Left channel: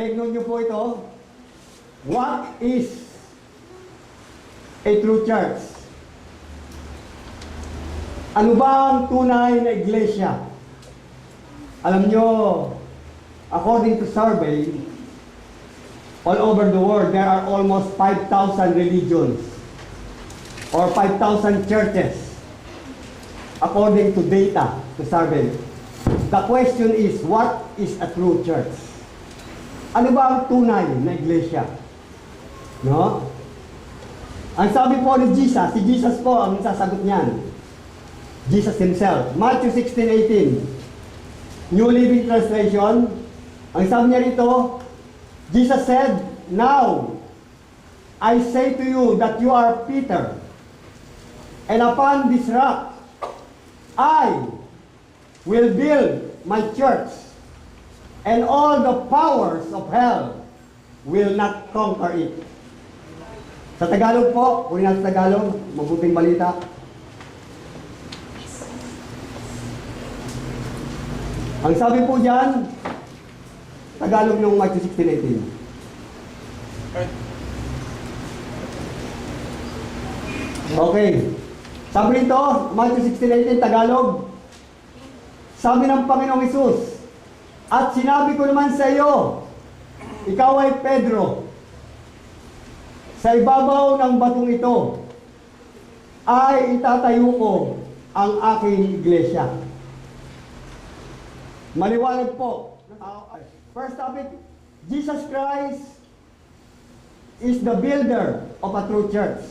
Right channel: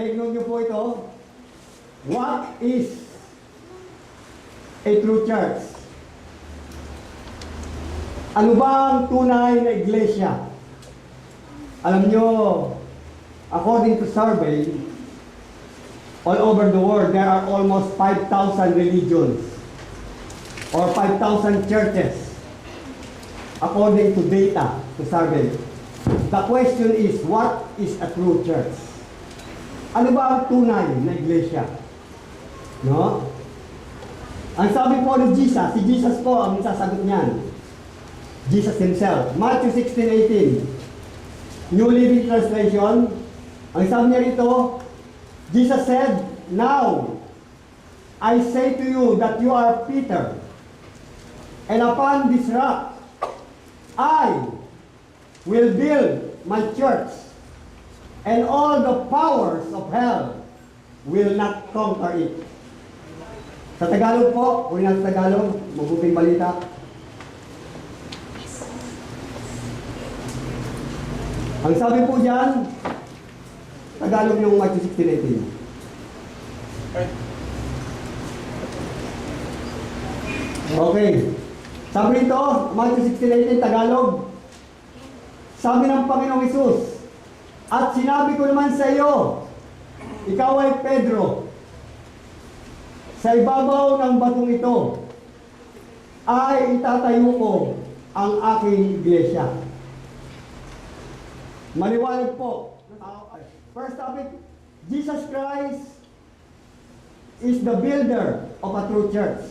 Take note nyo po ito. What is a true church? Ano ba ang tunay na iglesia? Alam nyo, according to survey, all over the world, there are almost 5,000 religions or 5,000 churches according to data to survey. The question is, what is a true church? Ano ba ang tunay na iglesia? No? Ang sabi po ni Jesus, si Jesus po ang sasagot niyan. Jesus himself. Matthew 16:18. New Living Translation. Ang sabi niya rito, Jesus said, "Now, I say to you that you are Peter, and upon this rock, I will build my church, and all the powers of hell will not conquer it." Sa Tagalog po, kung sa Tagalog, mabuting balita. Ang sabi po dyan, Tagalog ng Matthew 16:18. Okay. Sabi rito, Matthew 16:18, Tagalog. Sabi ng Panginoong Hesus, "At sinabi ko naman sa iyo, ikaw ay Pedro. Sa ibabaw ng batong ito, ay itatayo ko ang aking iglesia." Maliwanag po. First topic, Jesus Christ is the builder of a true church.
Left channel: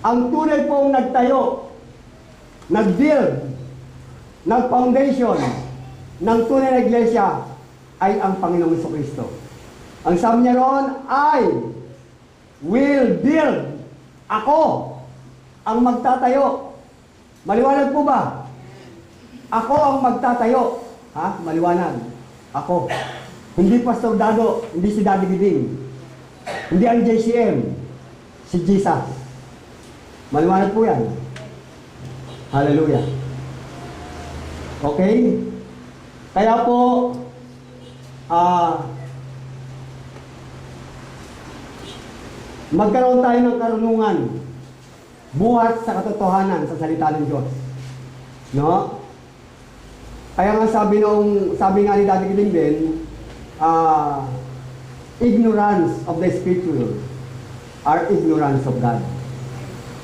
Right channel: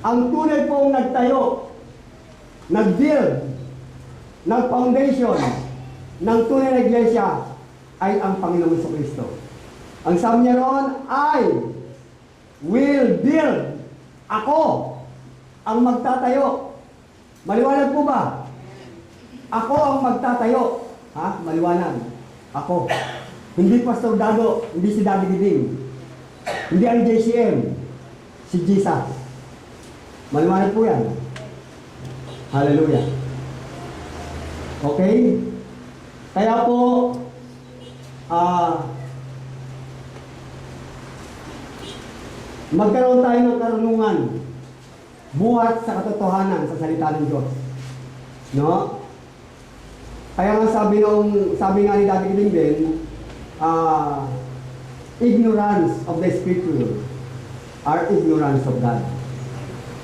Ang tunay pong nagtayo, nag-build, nag-foundation ng tunay na iglesia ay ang Panginoong Jesucristo. Ang sabi niya roon, I will build. Ako ang magtatayo. Maliwanag po ba? Ako ang magtatayo. Ha? Maliwanag. Ako. Hindi Pastor Dado, hindi si Daddy Giding. Hindi ang JCM. Si Jesus. Maliwanag po yan. Hallelujah. Okay? Kaya po, magkaroon tayo ng karunungan buhat sa katotohanan sa salita ng Diyos. No? Kaya nga sabi nga ni Daddy Giling din, ignorance of the Scripture are ignorance of God.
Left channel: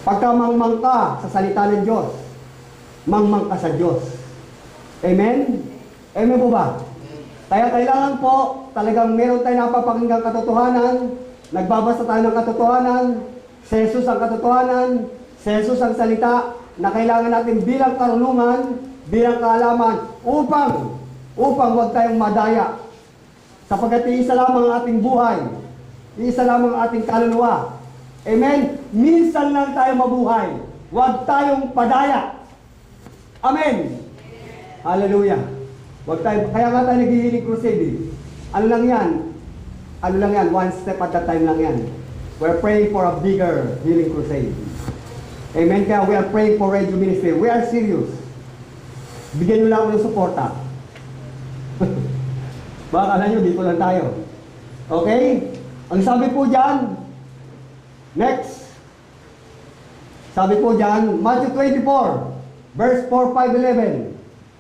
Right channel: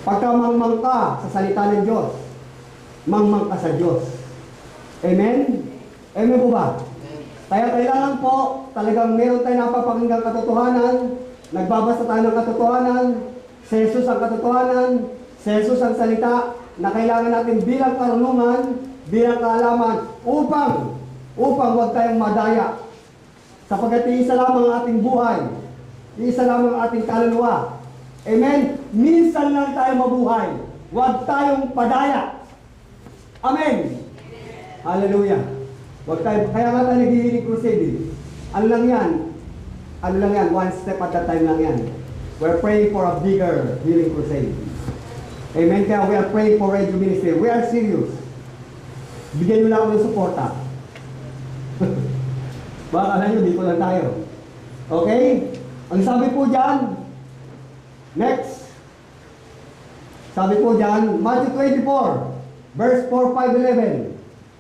Pagka mangmang ka sa salita ng Diyos, mangmang ka sa Diyos. Amen? Amen po ba? Kaya kailangan po, talagang meron tayo napapakinggang katotohanan, nagbabasa tayo ng katotohanan, si Jesus ang katotohanan, si Jesus ang salita, na kailangan natin bilang karunungan, bilang kaalaman, upang huwag tayong madaya. Sapagkat iisa lamang ang ating buhay, iisa lamang ang ating kaluluwa. Amen? Minsan lang tayo mabuhay, huwag tayong padaya. Amen? Hallelujah. Huwag tayo, kaya nga tayo nag-healing crusade. Ano lang yan? One step at a time lang yan. We're praying for a bigger healing crusade. Amen? Kaya we are praying for Radio Ministry. We are serious. Bigyan nyo lang ako ng suporta. Baka alam nyo, dito lang tayo. Okay? Ang sabi po dyan, next. Sabi po dyan, Matthew 24, verse 4, 5, 11.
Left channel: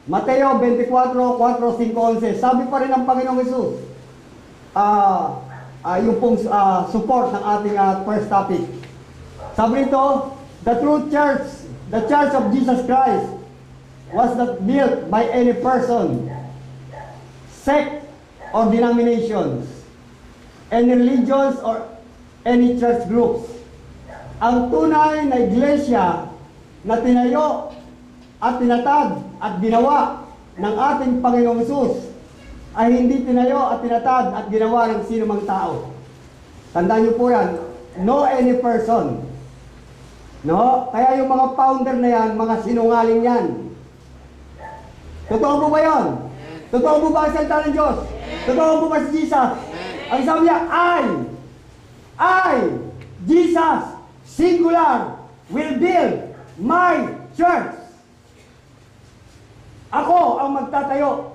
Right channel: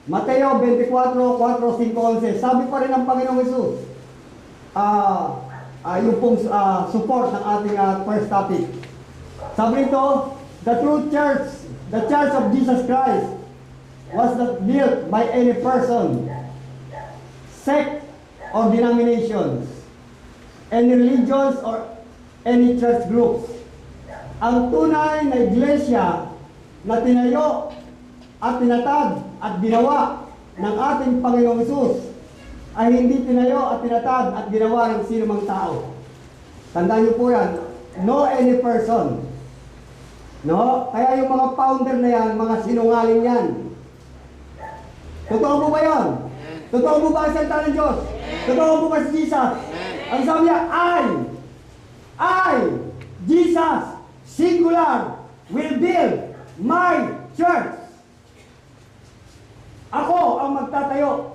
Mateo 24, 4, 5, 11. Sabi pa rin ng Panginoong Hesus, yung pong support ng ating first topic. Sabi nito, the true church, the church of Jesus Christ, was not built by any person, sect, or denominations, any religions, or any church groups. Ang tunay na iglesia na tinayo at tinatag at ginawa ng ating Panginoong Hesus ay hindi tinayo at tinatag at ginawa ng sino mang tao. Tandaan niyo po yan, no any person. No? Kaya yung mga founder na yan, mga sinungaling yan. Totoo po ba yun? Totoo po ba ang salita ng Diyos? Totoo po ba si Jesus? Ang sabi niya, I, Jesus, singular, will build my church. Ako ang magtatayo.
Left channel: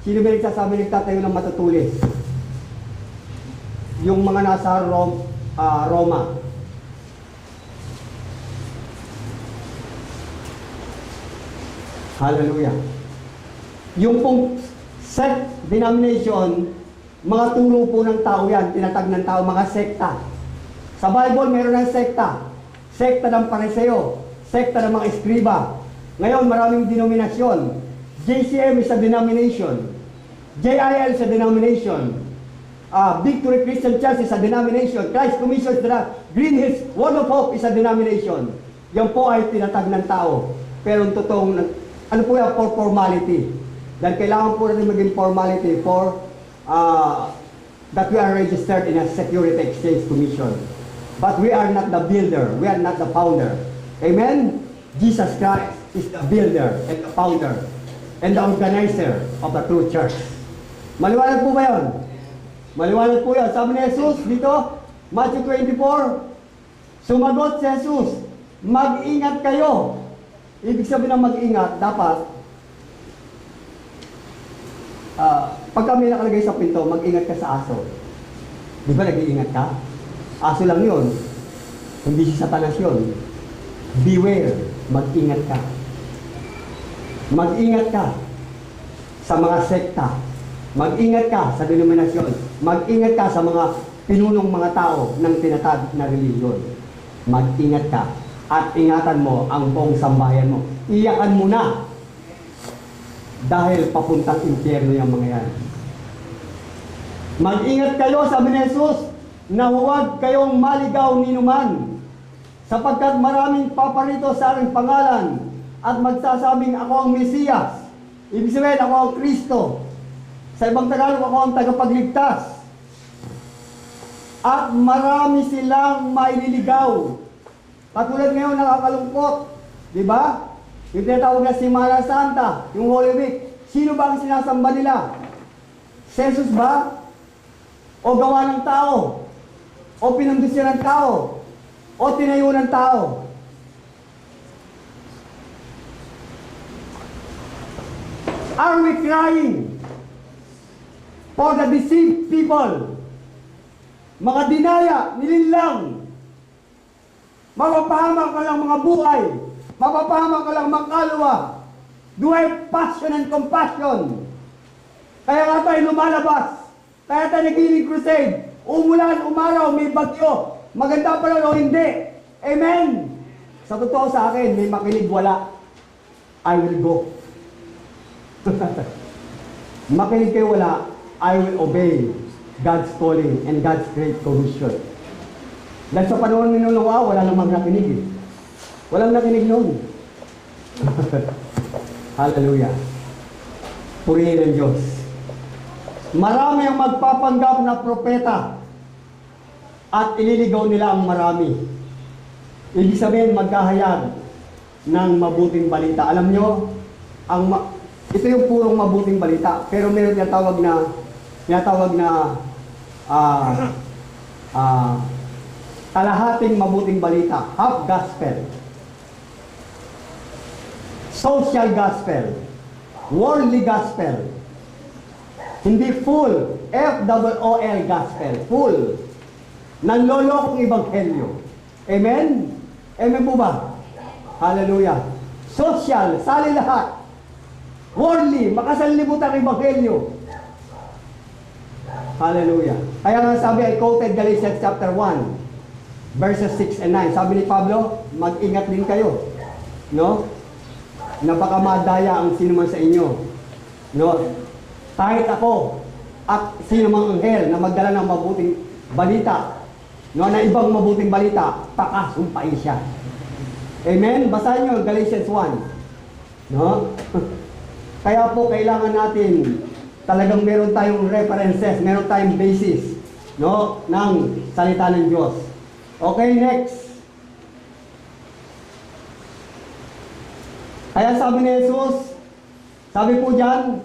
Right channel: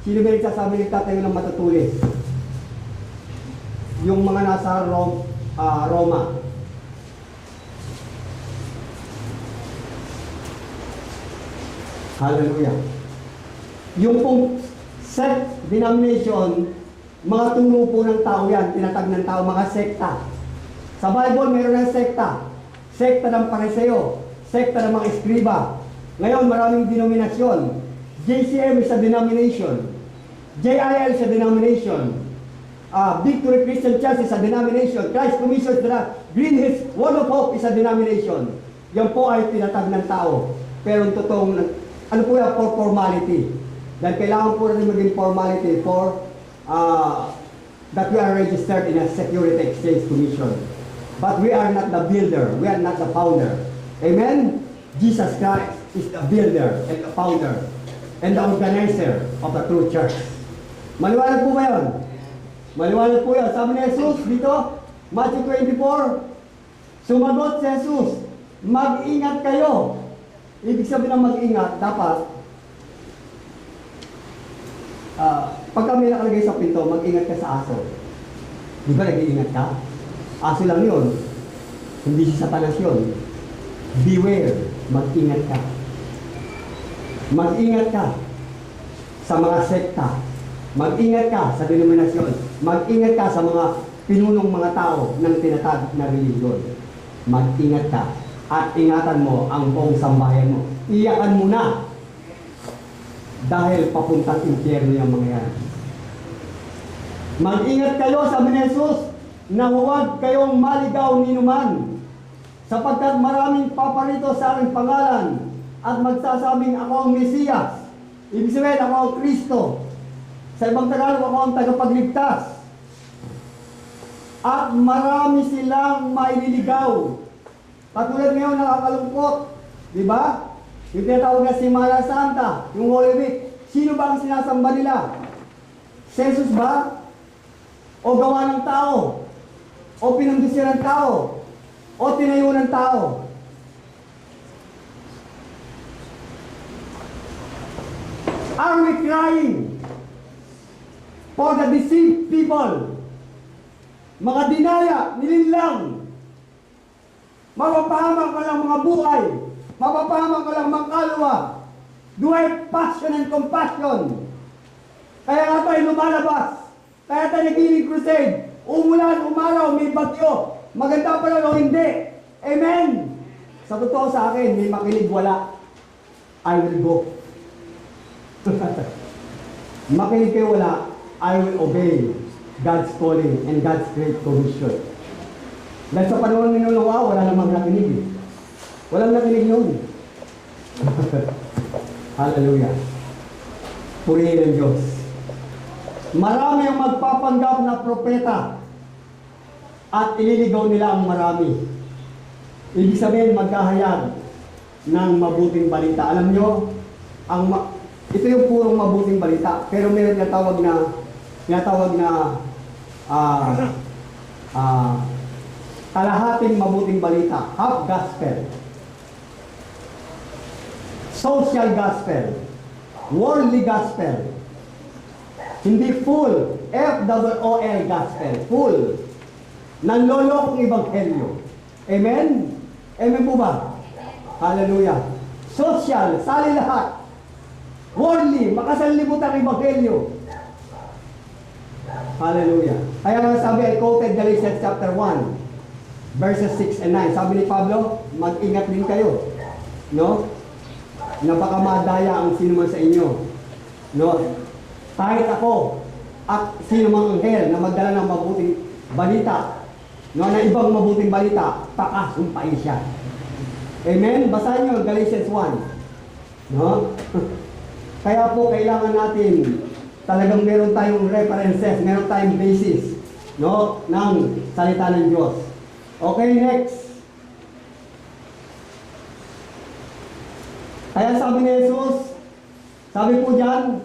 Sino ba nagsasabi nagtatayo ng matutulis? Yung mga nasa Roma. Hallelujah. Yung pong sect denomination, mga turo po ng tao yan, tinatag ng tao, mga sekta. Sa Bible, meron ng sekta. Sekta ng Pariseo, sekta ng mga eskriba. Ngayon, maraming denominasyon. JCM is a denomination. JIL is a denomination. Victory Christian Church is a denomination. Christ Commission is Green Hills Word of Hope is a denomination. Yan po ay tinatag ng tao. Pero ang totoong, ano po yan, for formality. Dahil kailangan po natin maging formality for that we are registered in a Security Exchange Commission. But we are not the builder. We are not the founder. Amen? Jesus Christ is the builder and the founder and the organizer of the true church. Maliwanag po ba yun? Maliwanag po yun. Sabi ni Jesus dito, Matthew 24, sumagot si Jesus, mag-ingat kayo. Ibig sabihin ng mag-ingat, dapat, pag kami nakalagay sa pinto, mag-ingat ka sa aso. Di ba nag-iingat ka? Aso lang yun. Hindi si Satanas yun. Beware, mag-ingat ka. Mag-ingat ka sa mga sekta. Mag-ingat ka sa denominasyon. Mag-ingat ka sa mga pinunong mga tao ng tinatag na religiyon. Mag-ingat ka. At ingatan mo ang buong sambayan mo. Iyakan mo na. Dahil papuntang impyerno yung mga yan. Mag-ingat kayo, sabi ni Jesus, na huwag kayong maligaw ni numan. Sapagkat maraming paparito sa aking pangalan at magsasabing ako ang Mesiyas. Ibig sabihin, ako ang Kristo. Sa ibang Tagalog, ako ang tagapagligtas. At marami silang maililigaw. Katulad ngayon, nakakalungkot. Di ba? Yung tinatawag na Semana Santa, yung Holy Week. Sino ba ang sinasamba nila? Jesus ba? O gawa ng tao? O pinundusyan ng tao? O tinayo ng tao? Are we crying for the deceived people? Mga dinaya, nilinlang. Mapapahamak ka lang mga buhay. Mapapahamak ka lang mga kaluluwa. Do I have passion and compassion? Kaya nga tayo lumalabas. Kaya tayo naging crusade. Umulan, umaraw, may bagyo. Maganda pa lang o hindi. Amen? Sa totoo sa akin, may makinig wala. I will go. Makinig kayo wala, I will obey God's calling and God's great commission. Dahil sa panahon ni Noah, wala namang nakinig eh. Walang nakinig noon. Hallelujah. Purihin ang Diyos. Marami ang magpapanggap na propeta at ililigaw nila ang marami. Ibig sabihin, magkahayag ng mabuting balita. Alam nyo, ito yung purong mabuting balita, pero meron tinatawag na kalahating mabuting balita, half gospel, social gospel, worldly gospel, hindi full, F-O-O-L gospel, full, nanlolokong ebanghelyo. Amen? Amen po ba? Hallelujah. Social, sali lahat. Worldly, makasanlibutan ang ebanghelyo. Hallelujah. Kaya nga sabi, I quoted Galatians chapter 1, verses 6 and 9. Sabi ni Pablo, mag-ingat din kayo. No? Na baka madaya ang sino man sa inyo. No? Kahit ako at sino mang anghel na magdala ng mabuting balita, no, na ibang mabuting balita, pakasumpain siya. Amen? Basahin nyo Galatians 1. No? Kaya po kailangan natin talagang meron tayong references, meron tayong basis, no, ng salita ng Diyos. Okay, next. Kaya sabi ni Jesus, sabi po diyan,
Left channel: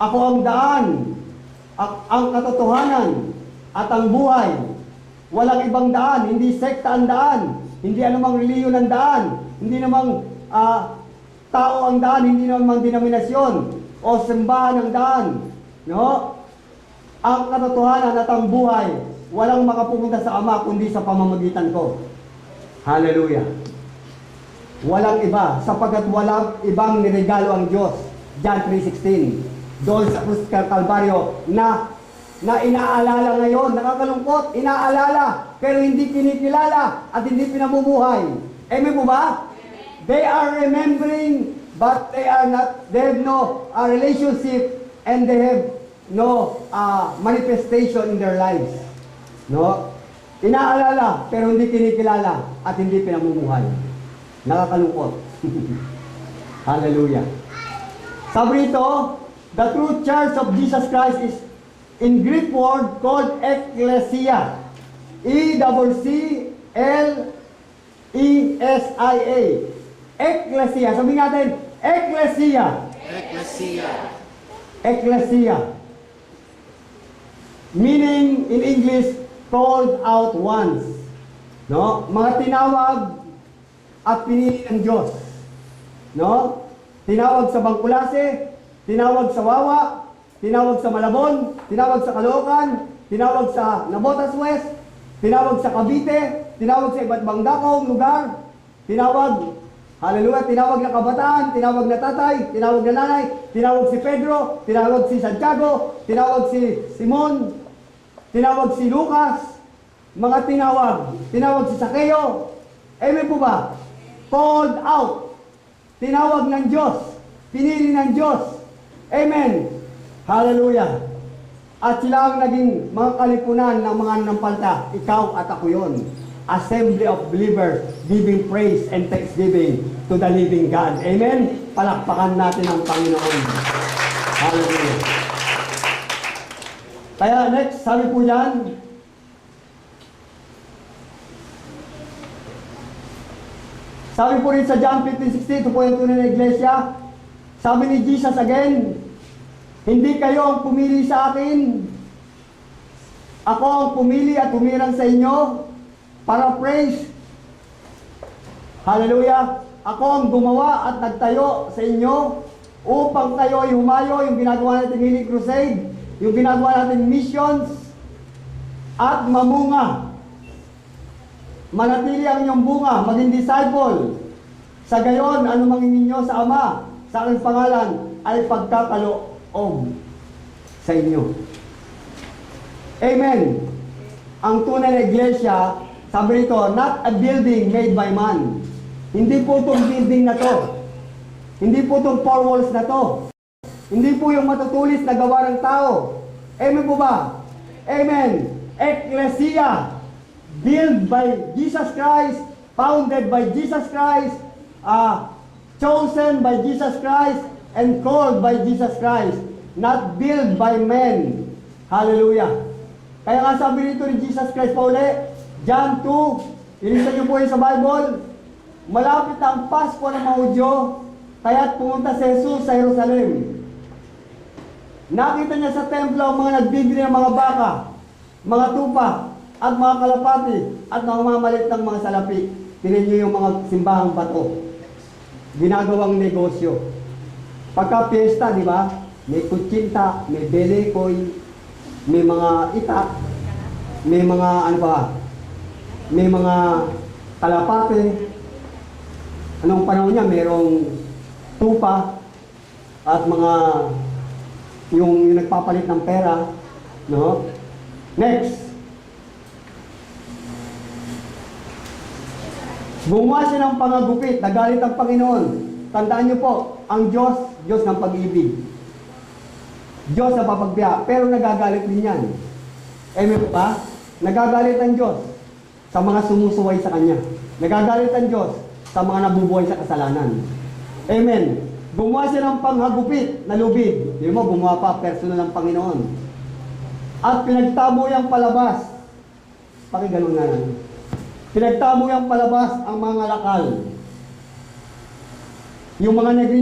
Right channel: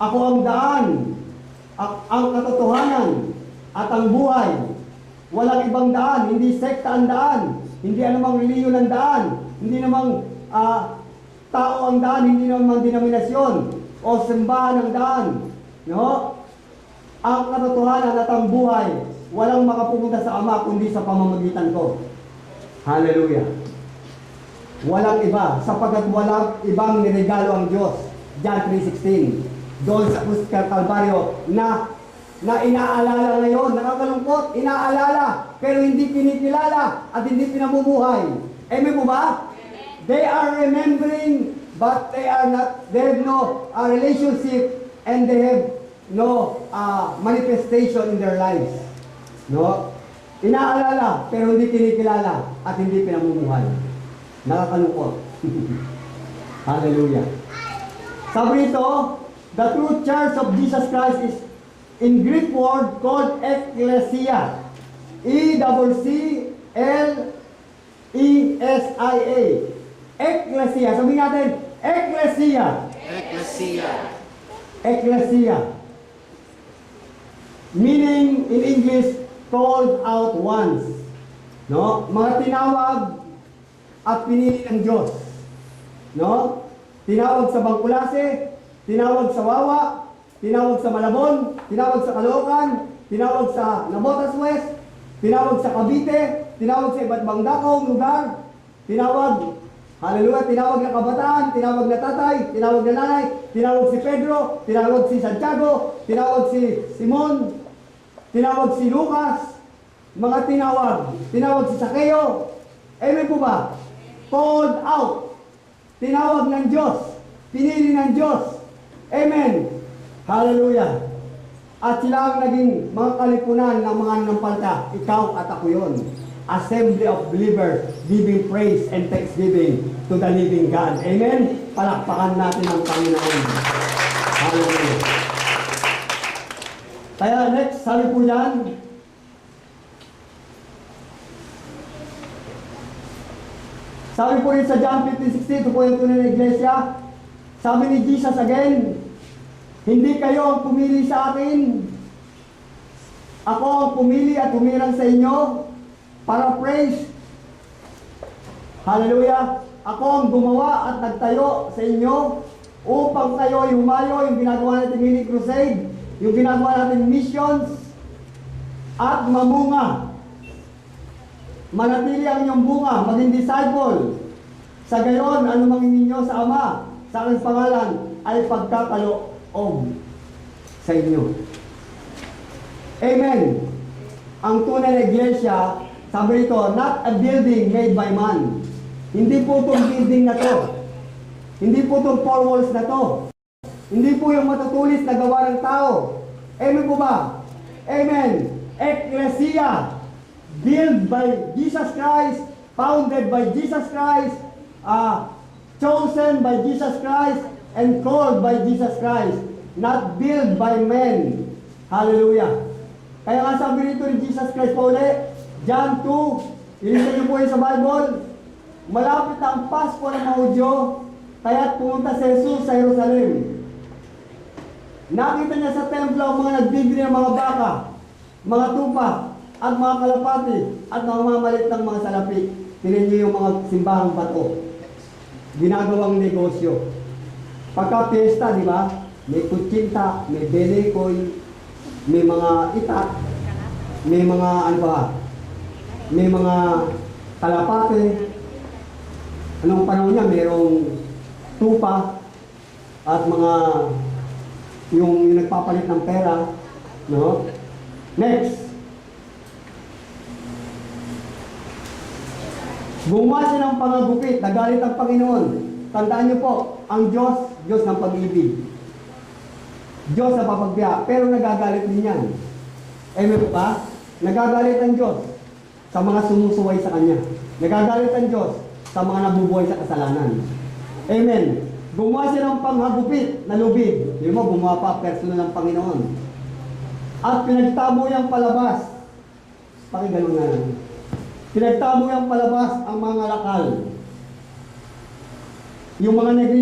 ako ang daan, ang katotohanan, at ang buhay. Walang ibang daan, hindi sekta ang daan, hindi anumang reliyon ang daan, hindi namang tao ang daan, hindi namang denominasyon. o simbahan ng daan. No? Ang katotohanan at ang buhay, walang makapupunta sa Ama kundi sa pamamagitan ko. Hallelujah. Walang iba, sapagkat walang ibang niregalo ang Diyos. John 3:16. Doon sa krus ng Kalbaryo na inaalala ngayon, nakakalungkot, inaalala, pero hindi kinikilala at hindi pinamumuhay. Amen po ba? They are remembering, but they have no relationship, and they have no manifestation in their lives. No? Inaalala, pero hindi kinikilala at hindi pinamumuhay. Nakakalungkot. Hallelujah. Sabi rito, the true church of Jesus Christ is in Greek word called ecclesia. E-double-C-L-E-S-I-A. Ecclesia. Sabihin natin, ecclesia. Ecclesia. Ecclesia. Meaning in English, called out ones. No? Mga tinawag at pinili ng Diyos. No? Tinawag sa Bangkulase, tinawag sa Wawa, tinawag sa Malabon, tinawag sa Caloocan, tinawag sa Navotas West, tinawag sa Cavite, tinawag sa iba't ibang dakong lugar, tinawag, hallelujah, tinawag na kabataan, tinawag na tatay, tinawag na nanay, tinawag si Pedro, tinawag si Santiago, tinawag si Simon, tinawag si Lucas, mga tinawag si Sakeo. Amen po ba? Called out. Tinawag ng Diyos. Pinili ng Diyos. Amen. Hallelujah. At sila ang naging mga kalipunan ng mga nanampalta. Ikaw at ako yun. Assembly of believers giving praise and thanksgiving to the living God. Amen. Palakpakan natin ang Panginoon. Hallelujah. Kaya next, sabi po yan, sabi po rin sa John 15:16, ito po yung tunay na iglesia. Sabi ni Jesus again, hindi kayo ang pumili sa akin. Ako ang pumili at humirang sa inyo para praise. Hallelujah. Ako ang gumawa at nagtayo sa inyo upang kayo ay humayo, yung ginagawa natin mini crusade, yung ginagawa natin missions, at mamunga. Manatili ang inyong bunga, maging disciple. Sa gayon, ano mangingin nyo sa Ama, sa aking pangalan, ay pagkakaloob sa inyo. Amen. Ang tunay na iglesia, sabi rito, not a building made by man. Hindi po itong building na to. Hindi po itong four walls na to. Hindi po yung matutulis na gawa ng tao. Amen po ba? Amen. Ecclesia, built by Jesus Christ, founded by Jesus Christ, chosen by Jesus Christ, and called by Jesus Christ, not built by men. Hallelujah. Kaya nga sabi rito ni Jesus Christ pa uli, John 2, ilisan niyo po yun sa Bible, malapit ang Pasko ng mga Hudyo, kaya't pumunta si Jesus sa Jerusalem. Nakita niya sa templo ang mga nagbibili ng mga baka, mga tupa, at mga kalapati, at mga mamalit ng mga salapi. Tingnan niyo yung mga simbahang bato. Ginagawang negosyo. Pagka piyesta, di ba? May kutsinta, may belekoy, may mga itak, may mga ano ba? May mga kalapate. Anong panahon niya? Merong tupa at mga yung nagpapalit ng pera, no? Next. Gumawa siya ng pangagupit, nagalit ang Panginoon. Tandaan niyo po, ang Diyos, Diyos ng pag-ibig. Diyos na papagbiya, pero nagagalit din yan. Amen po ba? Nagagalit ang Diyos sa mga sumusuway sa Kanya. Nagagalit ang Diyos sa mga nabubuhay sa kasalanan. Amen. Gumawa siya ng panghagupit na lubid. Hindi mo, gumawa pa, personal ng Panginoon. At pinagtamo niyang palabas. Pakinggan nga lang. Pinagtamo niyang palabas ang mga lakal. Yung mga naging